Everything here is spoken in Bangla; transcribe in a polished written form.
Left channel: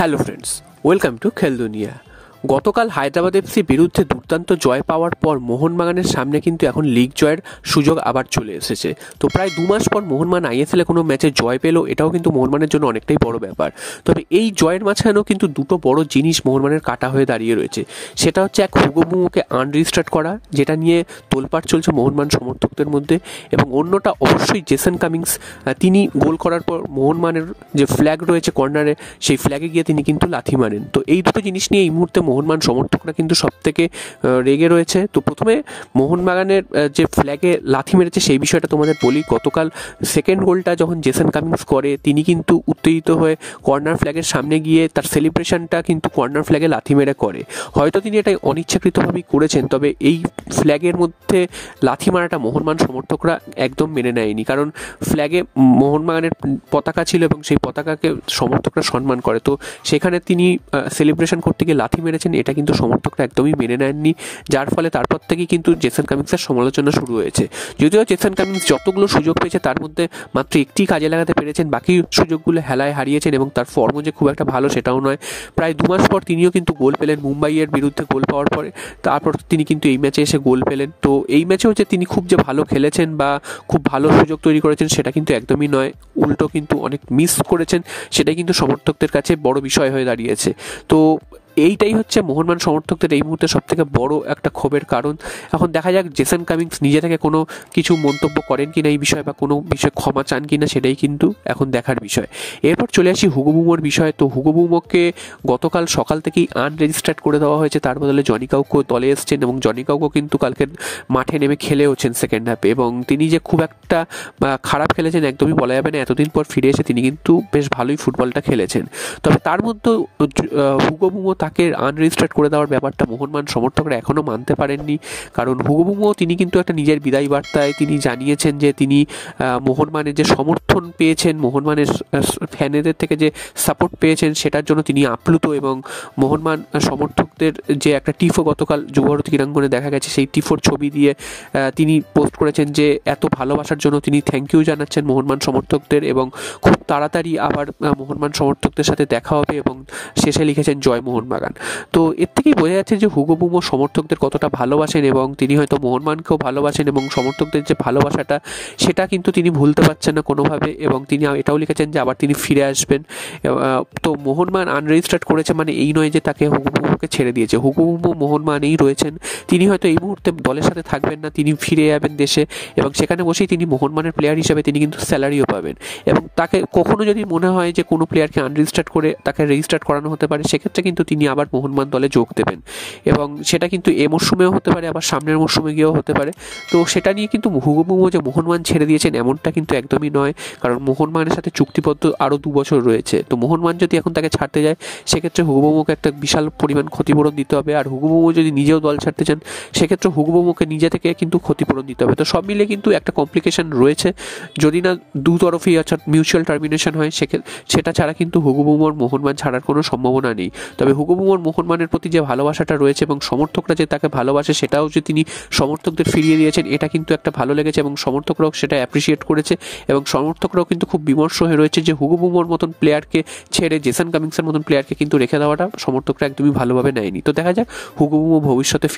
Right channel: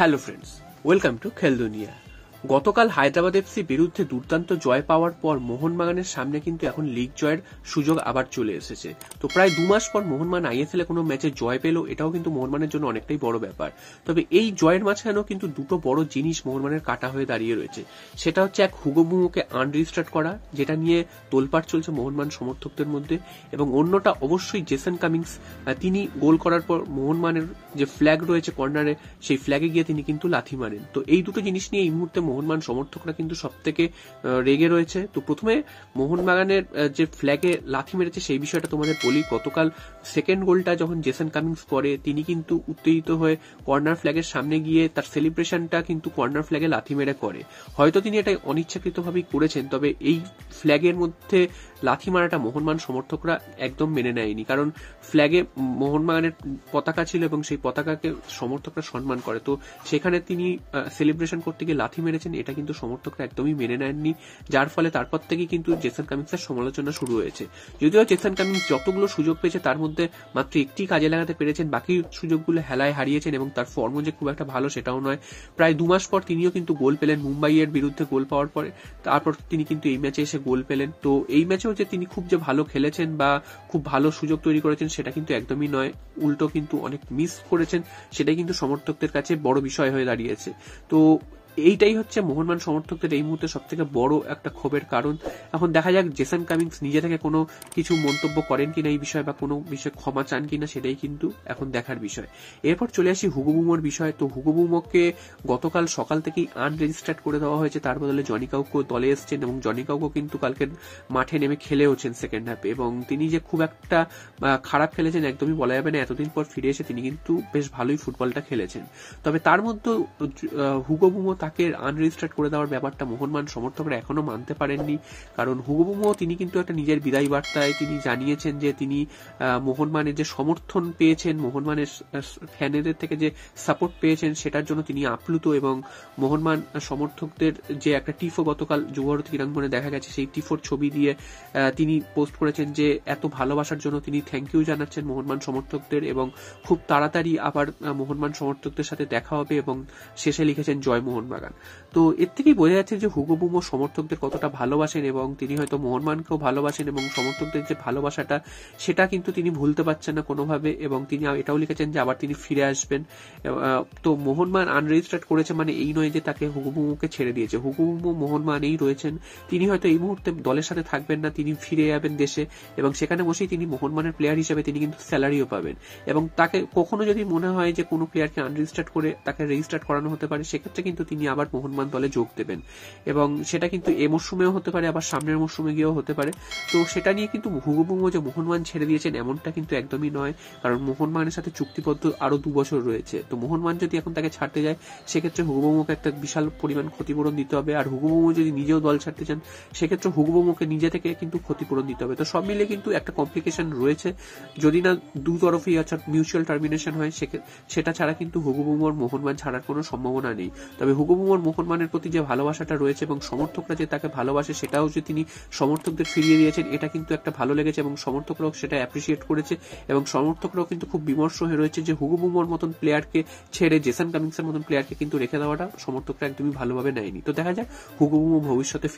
হ্যালো ফ্রেন্ডস, ওয়েলকাম টু খেল দুনিয়া। গতকাল হায়দ্রাবাদ এফসি বিরুদ্ধে দুর্দান্ত জয় পাওয়ার পর মোহনবাগানের সামনে কিন্তু এখন লিগ জয়ের সুযোগ আবার চলে এসেছে। তো প্রায় 2 মাস পর মোহনবাগান আইএসএলে কোনো ম্যাচে জয় পেল, এটাও কিন্তু মোহনবাগানের জন্য অনেকটাই বড় ব্যাপার। তবে এই জয়ের মাঝখানেও কিন্তু দুটো বড় জিনিস মোহনবাগানের কাটা হয়ে দাঁড়িয়ে রয়েছে। সেটা হচ্ছে এক হুগো বুমোকে আনরেজিস্টার্ড করা, যেটা নিয়ে তোলপাড় চলছে মোহনবাগান সমর্থকদের মধ্যে, এবং অন্যটা অবশ্যই জেসন কামিংস। তিনি গোল করার পর মোহনবাগানের যে ফ্ল্যাগ রয়েছে কর্নারে, সেই ফ্ল্যাগে গিয়ে তিনি কিন্তু লাথি মারেন। তো এই দুটো জিনিস নিয়ে এই মুহূর্তে মোহনবাগান সমর্থকরা কিন্তু সব থেকে রেগে রয়েছে। তো প্রথমে মোহনবাগানের যে ফ্ল্যাগে লাথি মেরেছে সেই বিষয়টা তোমাদের বলি। গতকাল সেকেন্ড গোলটা যখন জেসন কামিংস করে, তিনি কিন্তু উত্তেজিত হয়ে কর্নার ফ্ল্যাগের সামনে গিয়ে তার সেলিব্রেশনটা কিন্তু কর্নার ফ্ল্যাগে লাথি মেরে করে। হয়তো তিনি এটা অনিচ্ছাকৃতভাবেই করেছেন, তবে এই ফ্ল্যাগের মধ্যে লাথি মারাটা মোহনবাগান সমর্থকরা একদম মেনে নেয়নি। কারণ ফ্ল্যাগে মোহনবাগানের পতাকা ছিল এবং সেই পতাকাকে সমর্থকরা সম্মান করে। তো সেখানে তিনি সেলিব্রেশন করতে গিয়ে লাথি মেরেছেন, এটা কিন্তু সমর্থকরা একদমই মেনে নেননি। যার ফলে তারপর থেকেই কিন্তু জেসন কামিংসের সমালোচনা শুরু হয়েছে। যদিও জেসন কামিংস যতগুলো সুযোগ পেয়েছে তার মধ্যে মাত্র একটি কাজে লাগাতে পেরেছেন, বাকি সুযোগগুলো হেলায় হারিয়েছেন, এবং তার ফর্ম যে খুব একটা ভালো সেটাও নয়। প্রায় 2 মাস পর তিনিও কিন্তু গোল পেলেন, মুম্বাইয়ের বিরুদ্ধে গোল পাওয়ার পরে। তারপর তিনি কিন্তু এই ম্যাচে এসে গোল পেলেন। তো এই ম্যাচেও যে তিনি খুব যে ভালো খেলেছেন বা খুব ভালো সুযোগ তৈরি করেছেন সেটা কিন্তু একদমই নয়, উল্টো কিন্তু অনেক মিস করেছেন। সেটাই কিন্তু সমর্থকদের কাছে বড় বিষয় হয়ে দাঁড়িয়েছে। তো এইটাই হচ্ছে মোহনবাগান সমর্থকদের এই মুহূর্তে সব থেকে বড় একটা ক্ষোভের কারণ। এখন দেখা যাক জেসন কামিংস নিজে থেকে কোনো কিছু মন্তব্য করেন কিনা এই বিষয়ে, বা কোনো বিষয়ে ক্ষমা চান কিনা, সেটাই কিন্তু এখন দেখার বিষয়। এরপর চলে আসি হুগো বুমোর বিষয়। তো হুগো বুমোকে গতকাল সকাল থেকেই আনরেজিস্টার্ড করে দেওয়া হয়েছে, তার বদলে জনি কাউকো দলে এসছেন, এবং জনি কাউকো কিন্তু কালকে মাঠে নেমে খেলেওছেন সেকেন্ড হাফে, এবং তিনি যে খুব একটা খারাপ খেলেছেন একদমই বলা যাবে না। এতদিন পর ফিরে এসে তিনি কিন্তু বেশ ভালোই ফুটবলটা খেলেছেন। তবে তার মধ্যে হুগো বুমো তাকে আনরেজিস্টার্ড করে দেওয়ার ব্যাপারটা মোহনবাগান সমর্থকরা এখনও মানতে পারেননি। কারণ হুগো বুমো তিনি কিন্তু একটা নিজের বিদায় বার্তায় তিনি জানিয়েছেন যে তিনি মোহনবাগানের যে সমর্থন পেয়েছেন, মোহনবাগানের ফ্যানেদের থেকে যে সাপোর্ট পেয়েছেন, সেটার জন্য তিনি আপ্লুত। এবং মোহনবাগান সমর্থকদের যে একটা টিফো গতকাল যুবভারতী ক্রীড়াঙ্গনে দেখা গেছে, সেই টিফোর ছবি দিয়ে তিনি পোস্ট করেছেন যে এত ভালোবাসার জন্য তিনি থ্যাংক ইউ জানাচ্ছেন মোহনবাগান সমর্থকদের, এবং খুব তাড়াতাড়ি আবার মোহনবাগান সমর্থকদের সাথে দেখা হবে, এবং শেষে লিখেছেন জয় মোহনবাগান। তো এর থেকেই বোঝা যাচ্ছে যে হুগো বুমো সমর্থকদের কতটা ভালোবাসেন, এবং তিনি হয়তো মোহনবাগানকেও ভালোবাসেন, এবং সমর্থকদের যে ভালোবাসাটা সেটা কিন্তু তিনি ভুলতে পারছেন না কোনোভাবে। এবং তিনি এটাও লিখেছেন যে আবার তিনি ফিরে আসবেন। তো মোহনবাগান আনরেজিস্টার্ড করেছে মানে এই নয় যে তাকে হুগো বুমোকে ছেড়ে দিয়েছে। হুগো বুমো মোহনবাগানেই রয়েছেন। তিনি হয়তো এই মুহূর্তে দলের সাথে থাকবেন না, তিনি ফিরে যাবেন দেশে, এবং সেখানে বসেই তিনি মোহনবাগানের প্লেয়ার হিসেবে তিনি কিন্তু স্যালারিও পাবেন। এবং তাকে কখনো যদি মনে হয় যে কোনো প্লেয়ারকে আনরেজিস্টার্ড করে তাকে রেজিস্টার্ড করানো হতে পারে, সেক্ষেত্রে কিন্তু তিনি আবার মোহনবাগান দলে যোগ দেবেন, এবং সেটা কিন্তু এ মরশুমেও হতে পারে, আবার সামনের মরশুমে গিয়েও হতে পারে। তো সেটা নিয়ে কিন্তু হুগো বুমো যে মোহনবাগান ছেড়ে দিয়েছেন এমনটা কিন্তু একদমই নয়, কারণ মোহনবাগানের সাথে চুক্তিবদ্ধ আরও 2 বছর রয়েছে। তো মোহনবাগান যদি এখন তাকে ছাড়তে যায়, সেক্ষেত্রে হুগো বুমোকে একটা বিশাল পরিমাণ ক্ষতিপূরণ দিতে হবে। আর হুগো বুমো যদি নিজেও দল ছাড়তে চান, সেক্ষেত্রে হুগো বুমোকে নিজে থেকে কিন্তু ক্ষতিপূরণ দিতে হবে। তো সব মিলে কিন্তু একটা কমপ্লিকেশন রয়েছে। যদি না দুতরফই অর্থাৎ মিউচুয়াল টার্মিনেশন হয়, সেটা ছাড়া কিন্তু হুগো বুমোর মোহনবাগান ছাড়ার কোনো সম্ভাবনা নেই। তবে হুগো বুমোর মোহনবাগানের প্রতি যে ভালোবাসাটা রয়েছে এবং সমর্থকরা যে তাকে ভালোবাসে, সেটাও যে তিনি সমর্থকদের ফিরিয়ে দিয়েছেন, এটা কিন্তু একটা ভালো লেগেছে, এবং সমর্থকরাও সেটা অ্যাপ্রিসিয়েট করেছে। এবং সমর্থকরাও কিন্তু খুব বিমর্ষ হয়ে রয়েছে যে হুগো বুমোর মতন প্লেয়ারকে ছেড়ে জেসন কামিংসের মতন প্লেয়ারকে কিন্তু রেখে দেওয়াটা সমর্থকরা একদমই ভালোভাবে নেয়নি। তো দেখা যাক হুগো বুমো ভবিষ্যতে